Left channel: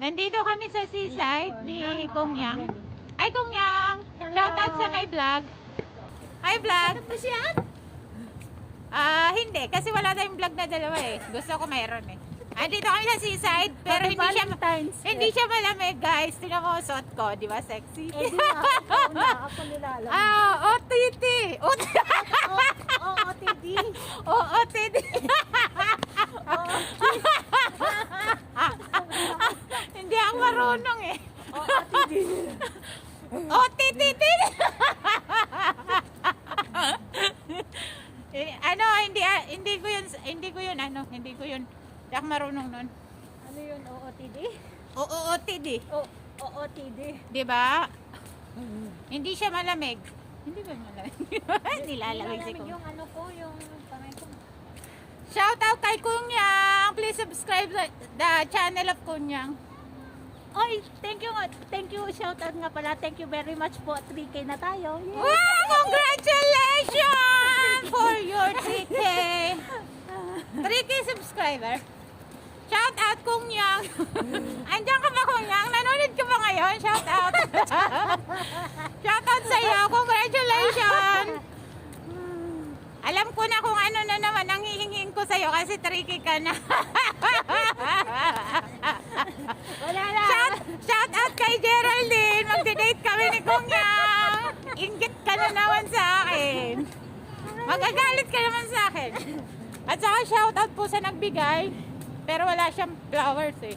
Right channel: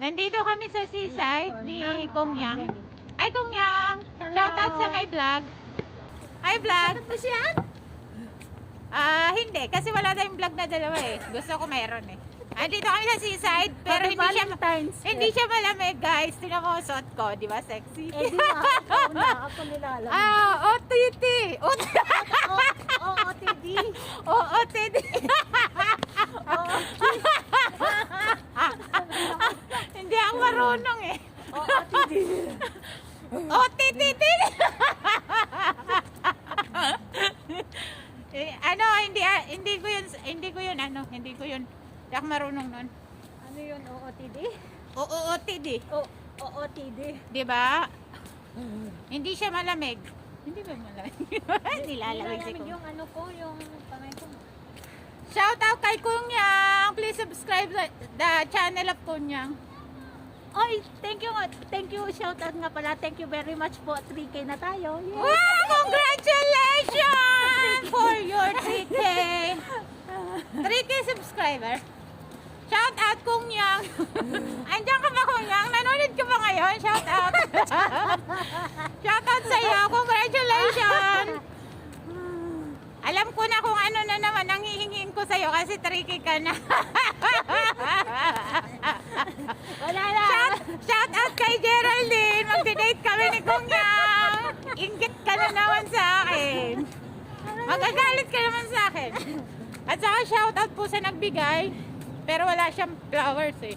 Nandito kami sa seaside ni Kong Yang. Ay, Kong Yang! Shout out sa my vlog. Hi, vlog! Ano po siya? Hindi. Kasi wala tayong vlog na dalawa eh. Gusto ko mayroon eh. Andito kami sa seaside. Pero hindi siya malamig, guys. Tingnan mo suot ko. Di ba sexy? Eh, di ba? Ikaw na. Ako nilalang. OTT! OOTD. OOTD! Hindi ako marunong eh. OOTD. OTTT! Ano, hindi ko yun, hindi ako marunong nun. Ano yun? OOTD? OOTD. OOTD. Diba? Hindi siya malamig. Hindi ba malamig? Nilalamig si Kong. Yung ano ko, yung panay ko. Shout out kay Kong Yang. Please subscribe the channel of Kong Yang. Oy, thank you, shout out nga pala. Thank you very much po. 3K na tayo. Yay! Wow! Congratulations for your 3K. 3K subscriber. Shout out Kong Yang. Andiyan ka ba, Kong Yang? Nanonood ka ba ngayon? Shout out. Shout out sa iyo. Congratulations. Alam ko na kung ano na naman ang hihingin ko sa iyo kasi 3K ka na. Wala na. Shout out kay Geraldine. Mag-date kami ni Kong Yang. Inggit ka na naman sa akin. Magagalit ka naman sa akin. At saka shout out po sa nagbigay. Pero wala siyang flowers eh.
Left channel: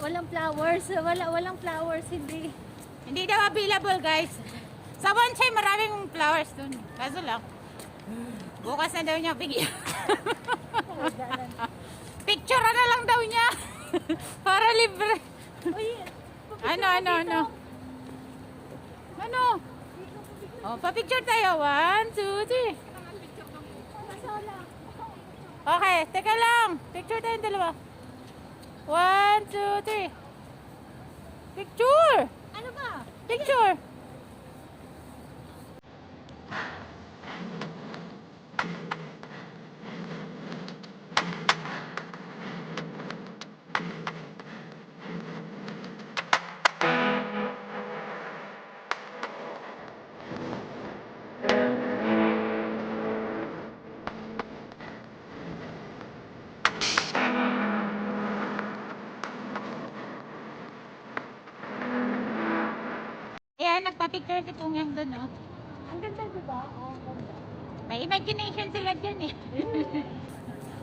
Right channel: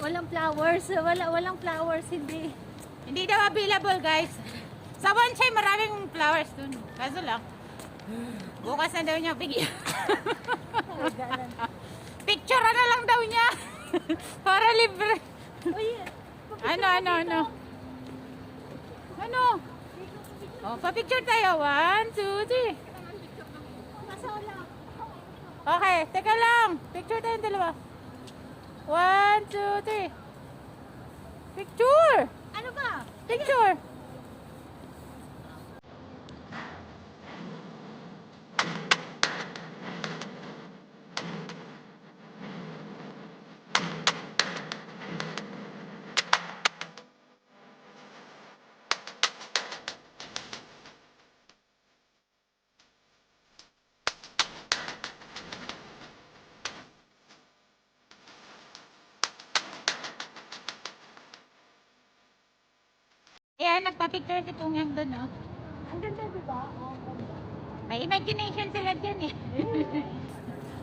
Walang flowers. Walang flowers. Hindi daw available, guys. Sa bonsai maraming flowers dun. Kaso lang, bukas na daw niya bigyan. Picture na lang daw niya. Para libre. Uy, Ano? Oh, pa-picture tayo. 1, 2, 3. Masala. Okay, teka lang. Picture tayong dalawa. 1, 2, 3. Picture! Ano ba? Picture! Ayan, nagpa-picture si Kong Yang doon, oh. Ang ganda, diba? Ang ganda. May imagination sila dyan, eh.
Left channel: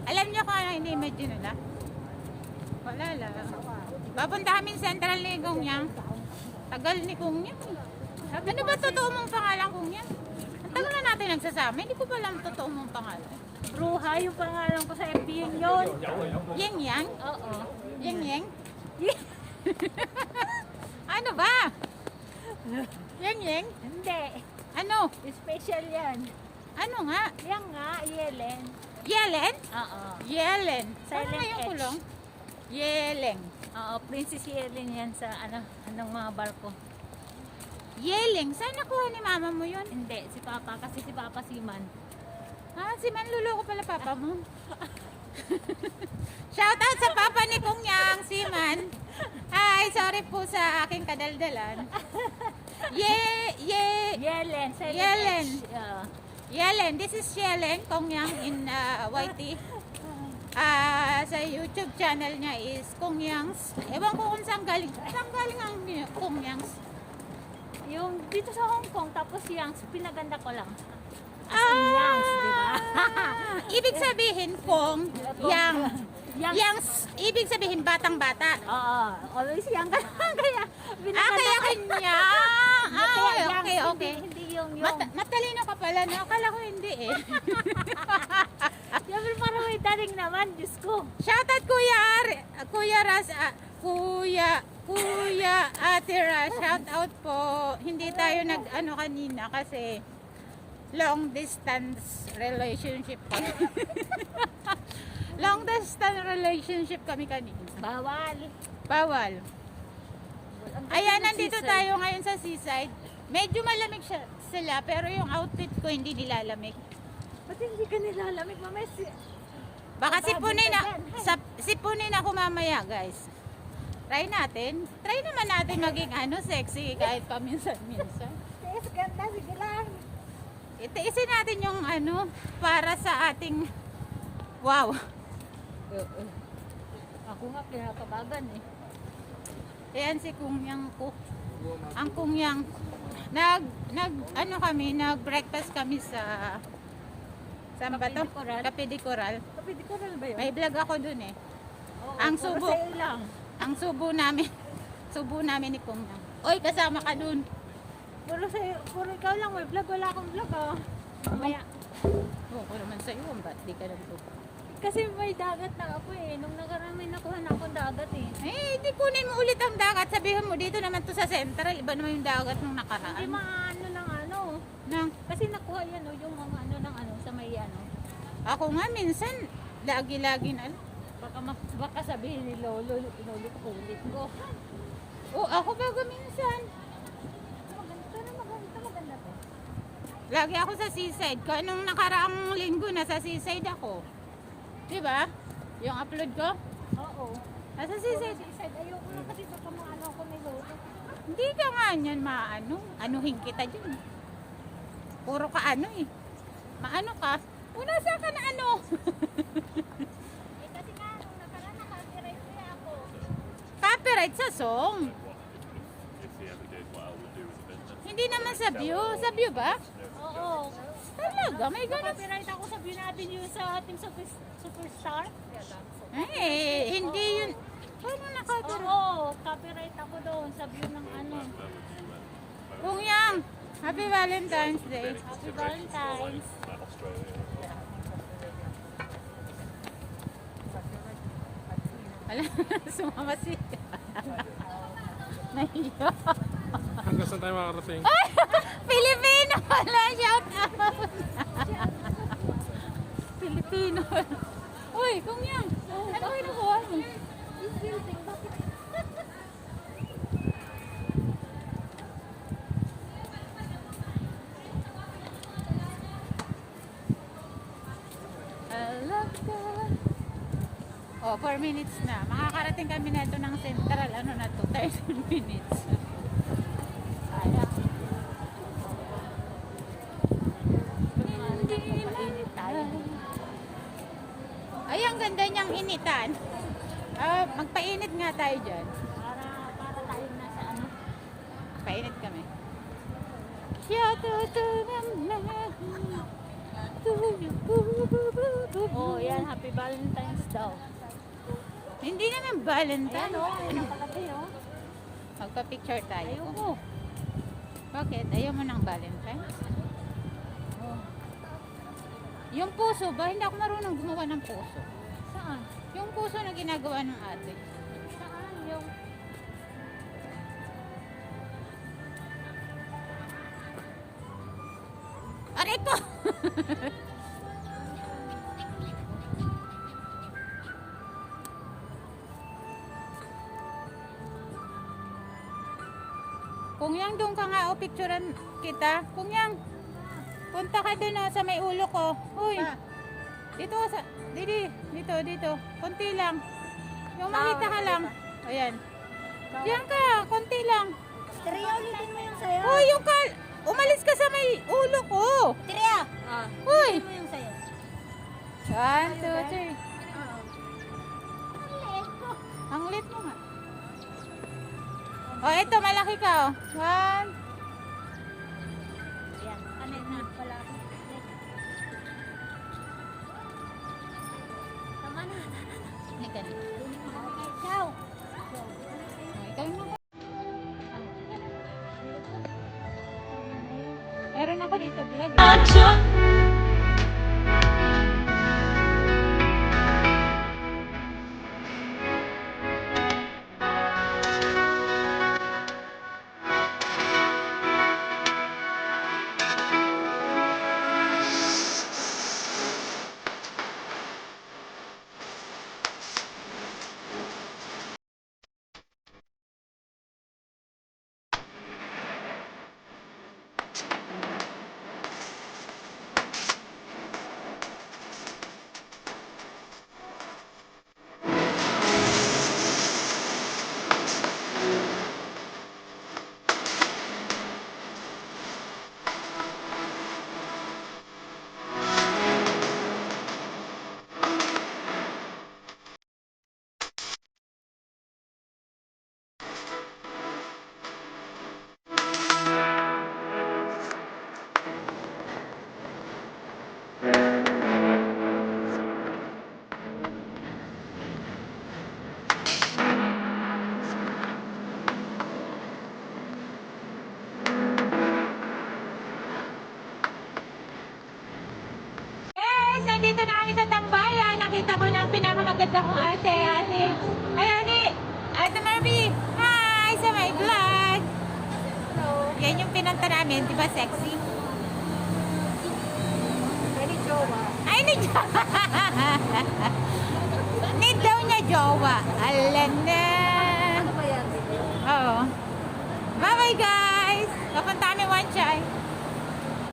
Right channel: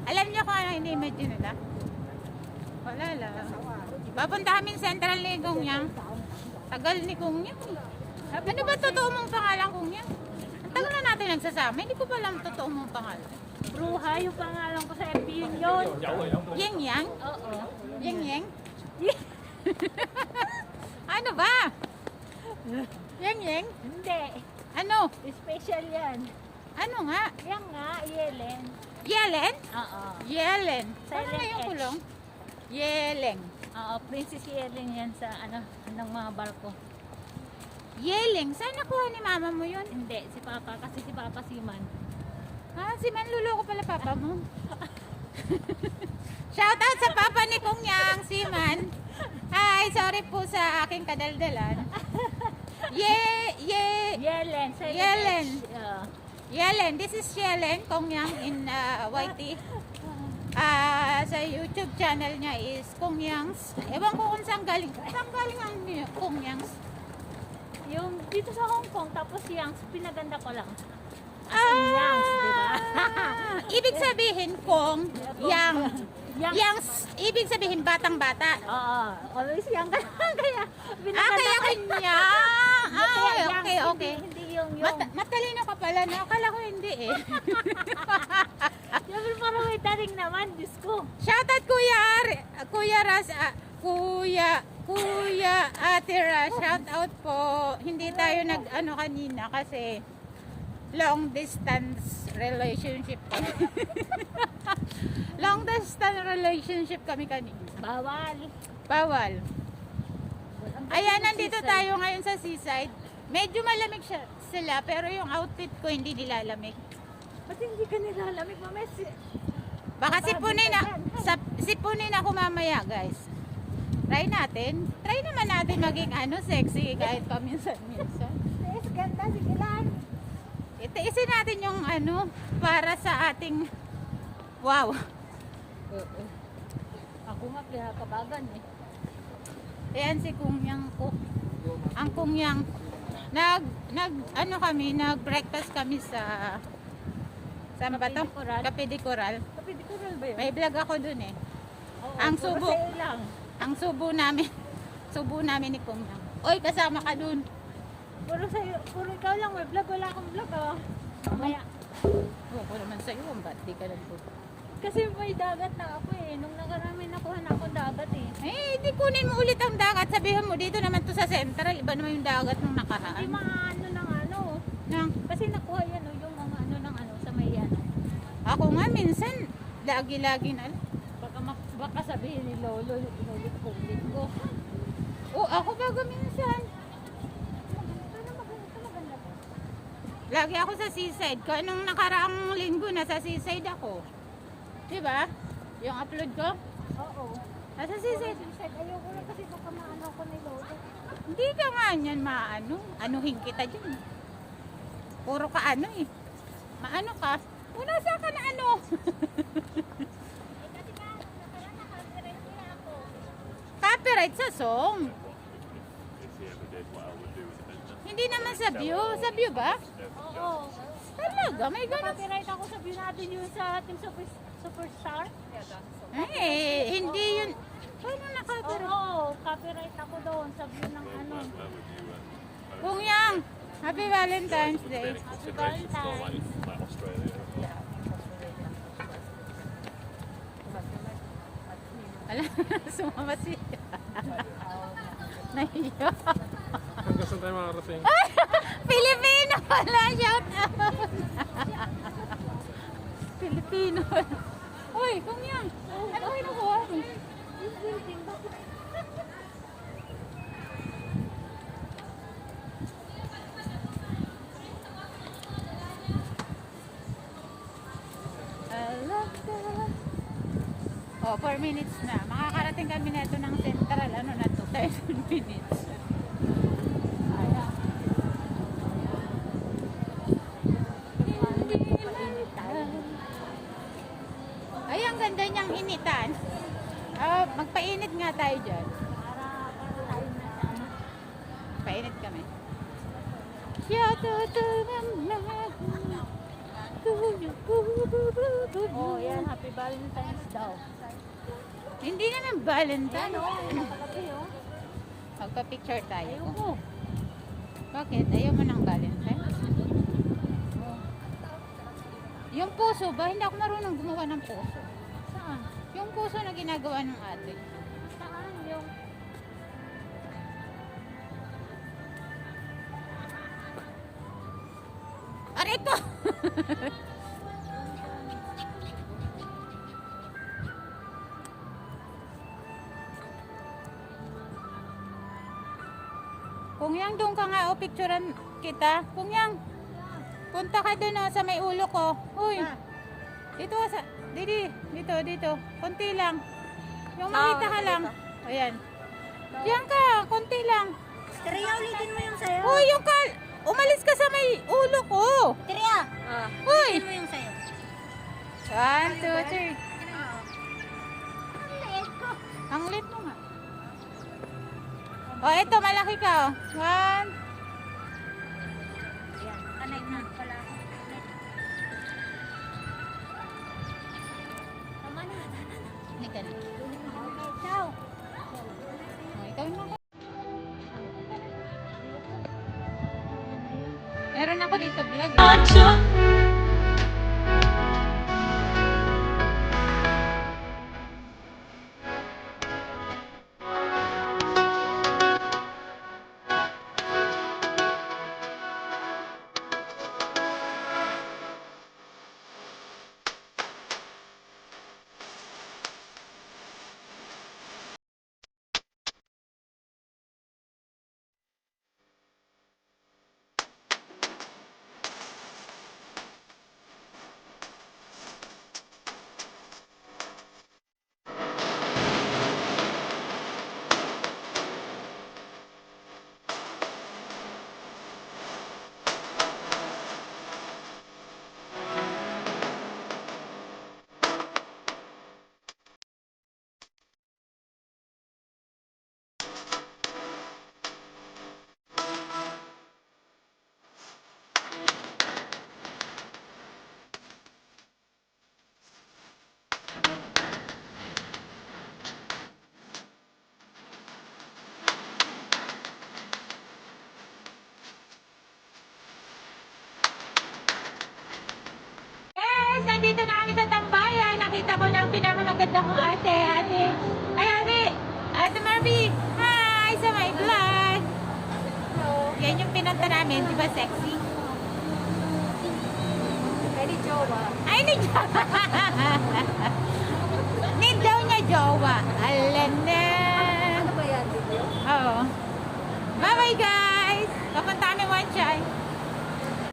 Alam niyo kung ano ini-imagine nila? Wala lang. Papunta kami sa Central ni Kong Yang. Tagal ni Kong Yang. Ano ba totoo mong pangalan, Kong Yang? Ang tagal na natin nagsasama. Hindi ko pa alam totoo mong pangalan. Bruha, yung pangalan ko sa FB yun. Yang Yang? Oo. Yang Yang? Ano ba? Yang Yang? Hindi. Ano? Special yan. Ano nga? Yan nga, Yelen. Yelen? Oo. Yelen. Paano Silent nga yung H. kulong? Yeleng. Oo, Princess Yelen yan sa ng mga barko. Yeleng? Saan nakuha ni mama mo yun? Hindi, si Papa, kasi si Papa siman. Si Manluloko pala papa mo. Shout out sa papa ni Kong Yang, si Man. Hi, sorry po sa aking kadaldalan. Yelen. Silent Yelen. H. Yeah. Yelen, this is Yelen, Kong Yang in YT. sa YouTube channel niya is Kung Yangs. Ewan ko kung saan galing. Saan galing ang Kung Yangs? Yung dito sa Hong Kong, tapos yung pinaganda ko lang. Yangs, diba? Ibig sabihin Kung Yang. Yang. Yangs, ibig sabihin batang-bata. Oo, always yang ka. Kaya, Kaya kanya. Okay. Hindi yung. Matalino ka pala, no? Akala ko hindi eh. Yung parang dating naman, Diyos ko. Shoutout Kuya Ras, Kuya Ate Ras, shoutout po. Hindi tayo nag-ano kanina kasi long distance relationship kami. Long distance relationship kami kanina. Bawal. Ayan, nandito tayo ngayon sa seaside. Medyo malamig sila, pero yung outfit ko hindi nilalamig. Ba't hindi ka nilalamig, Mames? Baka sipunin ako mamaya, guys. Try naman natin maging sexy kahit paminsan-minsan. Yes, ganda, sige lang. Itiisin natin yung para sa ating wow. Ako nga, pinakabagan eh. Ayan si Kung Yang ko. Ang Kung Yang. Nag-breakfast kami sa saan ba to? Cafe de Coral. Kapit ko rin ba yun? May vlog ako dun eh. Oo, Ang pero subo. sa'yo lang. Ang subo namin ni Kung Yang. Oy, kasama ka dun. Puro ikaw lang, may vlog, wala akong vlog ah. Mamaya. Oo ko naman sa iyo, ba't di ka nagpo? Kasi may dagat na ako eh. Nung nakaraan may nakuha na akong dagat eh. Hindi kunin mo ulit ang dagat. Sabihin mo dito naman to sa Central. Iba naman yung dagat nung Hindi nakaraan. mga ng ano. Nang, Kasi nakuha yan yung mga ng sa may ako nga minsan, lagi-lagi na. Baka sabihin ni Lolo, inulit-ulit ko. Ako baga minsan. Maganda po. Lagi ako sa seaside. Nung nakaraang linggo na sa seaside ako. Diba? Yung upload ko. Oo. Nasa seaside. Ayoko na kasi baka maano ko ni Lolo. Hindi ka nga niyan anuhin kita dyan. Puro ka eh. Maano ka? Nasa ka na Kasi nga, nung nakaraan naka-copyright niya ako. Copyright sa song. If we ever did what I would do as a business. Hindi naman sa view. Sa view ba? Oo. Talaga, may ganun. Copyright ako, sabihin natin yung sa ating superstar. Hindi yun. Paano na-copyright? Oo, copyright ako doon sa view ng Kung Yang, Happy Valentine's Day. Happy Valentine's. Ala, sumama siya. Nahiya. Hanggang saan tayo makarating? Pilipino pala, shout out. Pilipino. Uy, Kung Yang, ano kayo nakuha mo? Alaga. 4 minutes na. Makakarating kami na ito ng Central. Ano na to? 13 minutes. Ayan. Ay, ang ganda niyang initan. Magpainit nga tayo dyan. Para tayo na sa Painit kami. Shout out to Oh, yan, happy Valentine's daw. Hindi naman Valentine. Nakalaki oh. Magpa-picture tayo. Ayoko. Bakit? Ayaw mo ng Valentine? Oh. Yung puso ba? Hindi ako marunong gumawa ng puso. Saan? Yung puso na ginagawa ng ate. Saan yung... Aray ko! Kung Yang, doon ka nga o picturean kita. Kung Yang, punta ka doon sa may ulo ko. Uy, dito dito. Konti lang. Yung makita ka lang. Ayan. Diyan ka, konti lang. Triya, ulitin mo yung sayo. Uy, umalis ka sa may ulo ko. Triya! Uy! mo yung sayo. 1, 2, 3. Ang lit mo nga. Oh, ito, malaki ka, oh. 1. Yan, kanay na pala. Tama na. Halika na. Okay, ciao. Oh, ikaw na. Meron ako dito vlog. Guys, nandito na kami sa tambayan. Nakita ko na ang pinakamaganda kong ate. Ay, ate! Ate Marby! Hi! Sa my vlog! Hello! Yan yung pinunta namin. Di ba sexy? Ay, ni Jowa. Ay, ni jowa! Ni daw na jowa. Alam na! Ano ba yan? Oo. Bye-bye guys! Papunta kami one chai.